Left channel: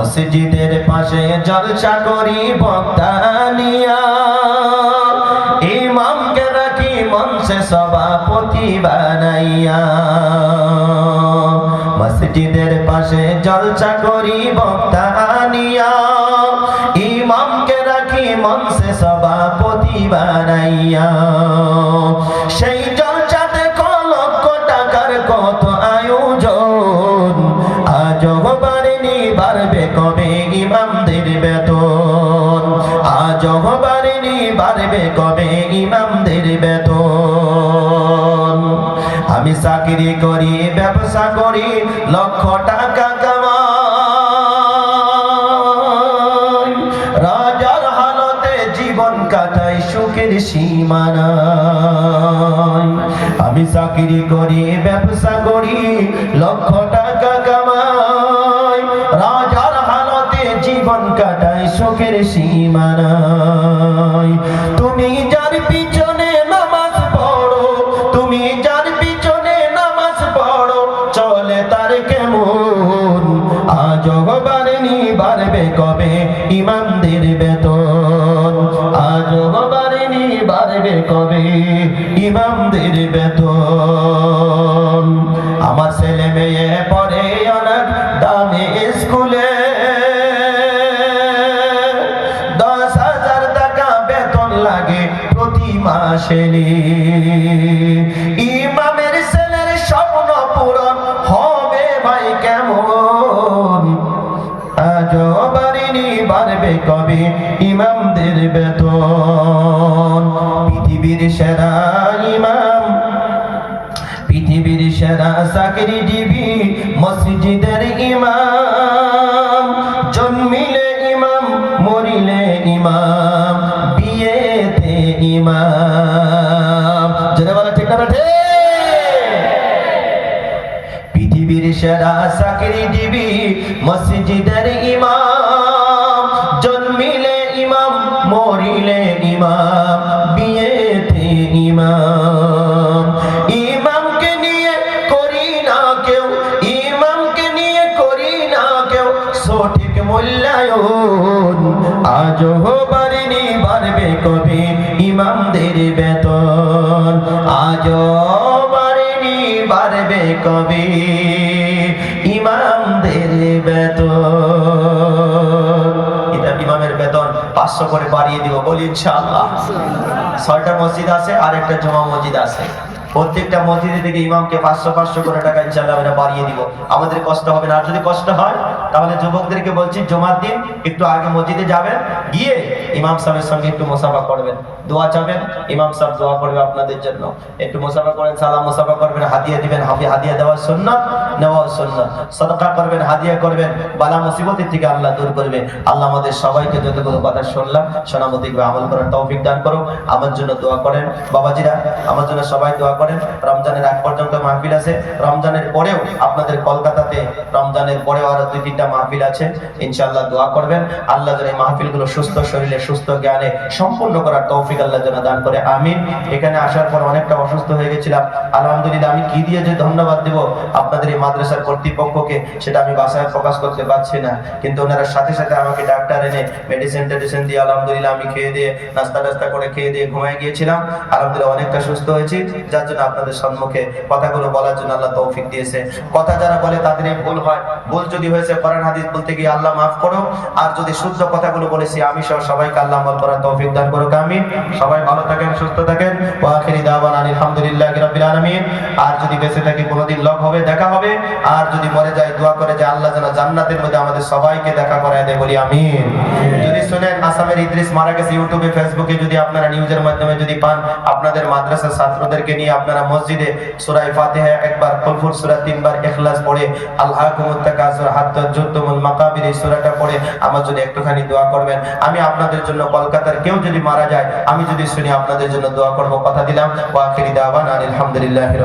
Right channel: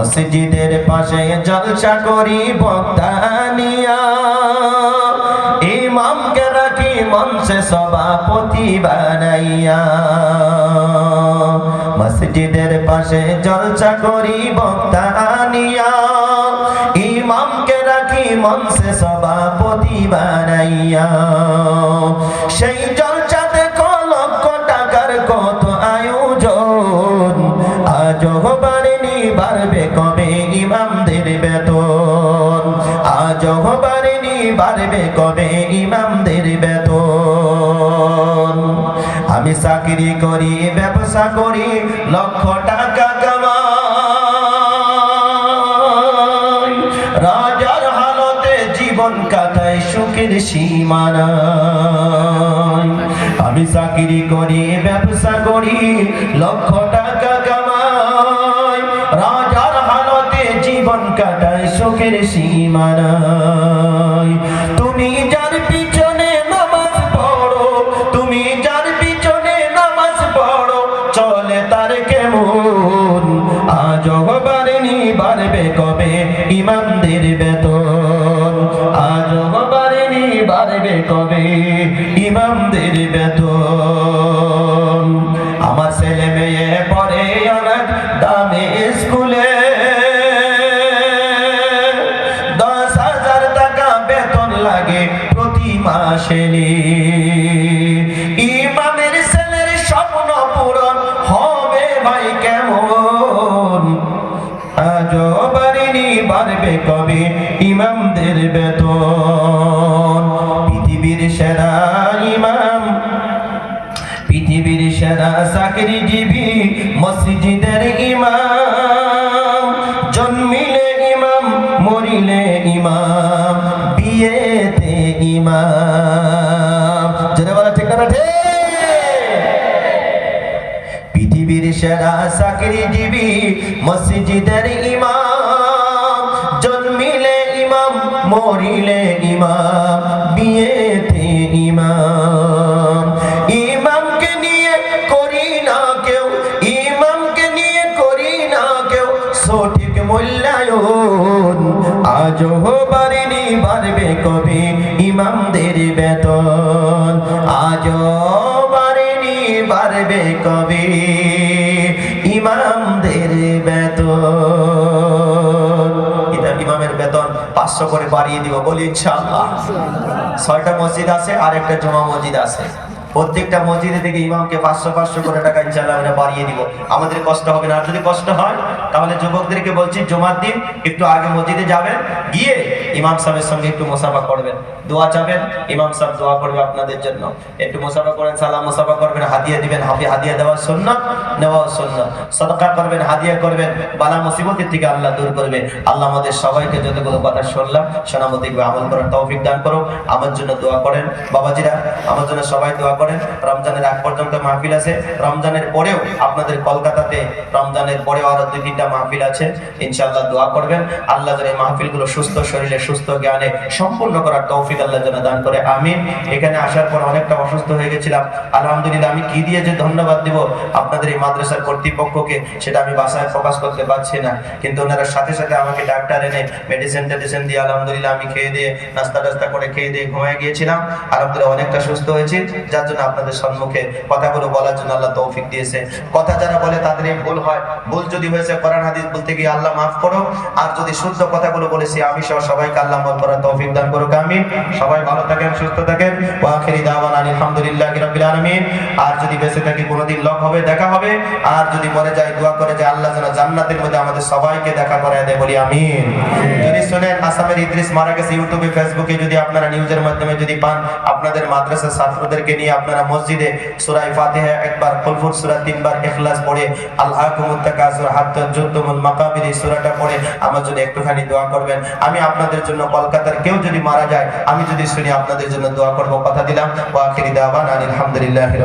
মসজিদের পাশে জলসা করি বক্তানিয়া ইমামকে রাখি মঞ্চে সভাপতি বানাইয়া। মসজিদের পাশে জলসা করি বক্তানিয়া ইমামকে রাখি মঞ্চে সভাপতি বানাইয়া। সেই বাড়বে কবে ইমামদের বেতন? আমি চাকরি করি, ব্যবসা করি, লক্ষ টাকা কামাই। রাজার হালতে জীবন কাটাই, সুখের সীমানায় আমি চাকরি করি, ব্যবসা করি, লক্ষ টাকা কামাই। রাজার হালতে জীবন কাটাই সুখের সীমানায় তুমি যার পিছনে নামাজ পড়ো, তুমি যার পিছনে নামাজ পড়ো, চলে তার কেমন? আজ বাড়েনি বাড়বে কবে? ইমামদের বেতন। আজ বাড়েনি বাড়বে কবে? ইমামদের বেতন। আমার ছেলে মেয়ে পড়ে অনেক, দামে স্কুলে মাসে ইমামের ছেলের স্বপ্ন পূরণ হবে ভাই কেমন? আজ বাড়িনি, বাড়বে কবে ইমামদের বেতন? পৃথিবীর সেরা ইমাম, পৃথিবীর সেরা চাকরিজীবী মসজিদের ইমাম। জন্মিলে ইমাম, মরিলে ইমাম, বিয়েতে ইমাম। পৃথিবীর সেরা চাকরিজীবী মসজিদের ইমাম। জন্মিলে ইমাম, মরিলে ইমাম, বিয়েতে ইমাম। ইমামকে নিয়ে করি না কেউ, ইমামকে নিয়ে করি না কেউ। সঠিক মূল্যায়ন আজও বাড়িনি, বাড়বে কবে ইমামদের বেতন। কবে ইমামদের বেতন। ইমামের বেতন পাঁচশো করে বাড়িয়ে দিব, বলি ইনশাআল্লাহ। ছয়টা মসজিদ আছে আর একটা জমা মসজিদ আছে। প্রত্যেকটা মসজিদে থেকে ইমামকে পাঁচশো পাঁচশো করে টাকা ইনশাল্লাহ আমরা বাড়িয়ে দিব। আমাদের কষ্ট হবে না। আর যদি কষ্ট হয়, তাহলে যুবকদেরকে বলছি, জমার দিন একটু আগে মসজিদে যাবেন, গিয়ে ইমাম সাহেবের সঙ্গে একটু মোসাফা করবেন। দোয়া চাবেন, ইমাম সাহেব দোয়া করবে আপনাদের জন্য। একটু মোসাফা করেন, সালাম মোসাফা করবেন, হাদিয়া দিবেন, হাফি হাদিয়া দেওয়া সুন্নাত, নেওয়া সুন্নাত। সদকা করবেন, হাদিয়া করবেন, বালা মুসিবতের থেকে আল্লাহ দূর করবে। আল্লাহ আমাদের সবাইকে যতগুলো কথা শুনলাম শোনা মতো আমল করার তৌফিক দান করো আমার জন্য দোয়া করেন। বাবাজিরা, আমার জন্য সবাই দোয়া করেন। রমজানের আগ পর্যন্ত মাহফিল আছে। রমজানের পরেও আপনাদের কলকাতাতে রমজানের পরেও আরও দুই তিনটা মাহফিল আছে। ইনশাআল্লাহ দোয়া করবেন। আল্লাহ যেন এই মাহফিলগুলো সুস্থ, শরীরে সুস্থ জ্ঞানে সম্পূর্ণ করার তৌফিক আল্লাহ যেন দান করে, আমিন। এখানে আসার পর অনেকটা অসুস্থ হয়ে গেছিলাম। আলহামদুলিল্লাহ, আমি কি দিয়ে যে ধন্যবাদ দিব আপনাদের এই মাদ্রাসার কর্তৃপক্ষকে, সেটা আমি বাসায় প্রকাশ করতে পারছি না। কিন্তু ওনারা সাথে সাথে আমাকে ডাক্তার এনে মেডিসিন টেডিসিন দিয়ে আলহামদুলিল্লাহ আমি খেয়ে দিয়ে, নাস্তা টাস্তা করে খেয়ে দিয়ে ঘুমিয়ে গিয়েছিলাম। আলহামদুলিল্লাহ, অনেকটা সুস্থ হয়েছি। যার জন্য আপনাদের সম্মুখে কথাগুলো বলার জন্য আল্লাহ তৌফিক দিয়েছে। কথা যারা বলে তাদের ভুল হয়। ভুল যদি হয়েছে, কোরআন, হাদিস বলতে গিয়ে আল্লাহ মাফ করো আর যদি শুদ্ধ কথাগুলো বলেছি, আমি সহ সবাইকে আল্লাহ আমল করার তৌফিক দান করুক, আমিন। সবাই ভালো থাকেন, সুস্থ থাকেন। ওয়া আখিরি দাওয়ানা আলহামদুলিল্লাহি রাব্বিল আলামিন। আর যদি বেঁচে থাকি, কোনোদিন লগ হবে, দেখা হবে। আর যদি মরে যায়, দোয়া করে যে আল্লাহ যেন জান্নাতের মধ্যে আমাদের সবাইকে দেখা করায় দেয়, বলি আমিন। যদি শুনেন, আসামের ইদ্রিস মারা গেছে, ইউটিউবে, ফেসবুকে যদি আপনারা নিউজের মাধ্যমে যদি পান, আপনাদের মাদ্রাসা ছাত্রদেরকে নিয়ে আপনারা মসজিদে সূরা ফাতিহা একবার, কুলফুর সূরা তিনবার ইখলাস পড়ে আল্লাহ কুমুত্তাকাসুর হাত্তা যুদ্ধমুল মাকাবির এই সূরাটা পড়ে, আমার জন্য একটুখানি দোয়া করবেন, আমি আপনাদের জন্য কলকাতার কেউ যদি মারা যায়, আমি যদি শুনি আপনাদের জন্য দোয়া করব। কথা দিলাম। ওয়া আখিরি দাওয়ানা আলহামদুলিল্লাহি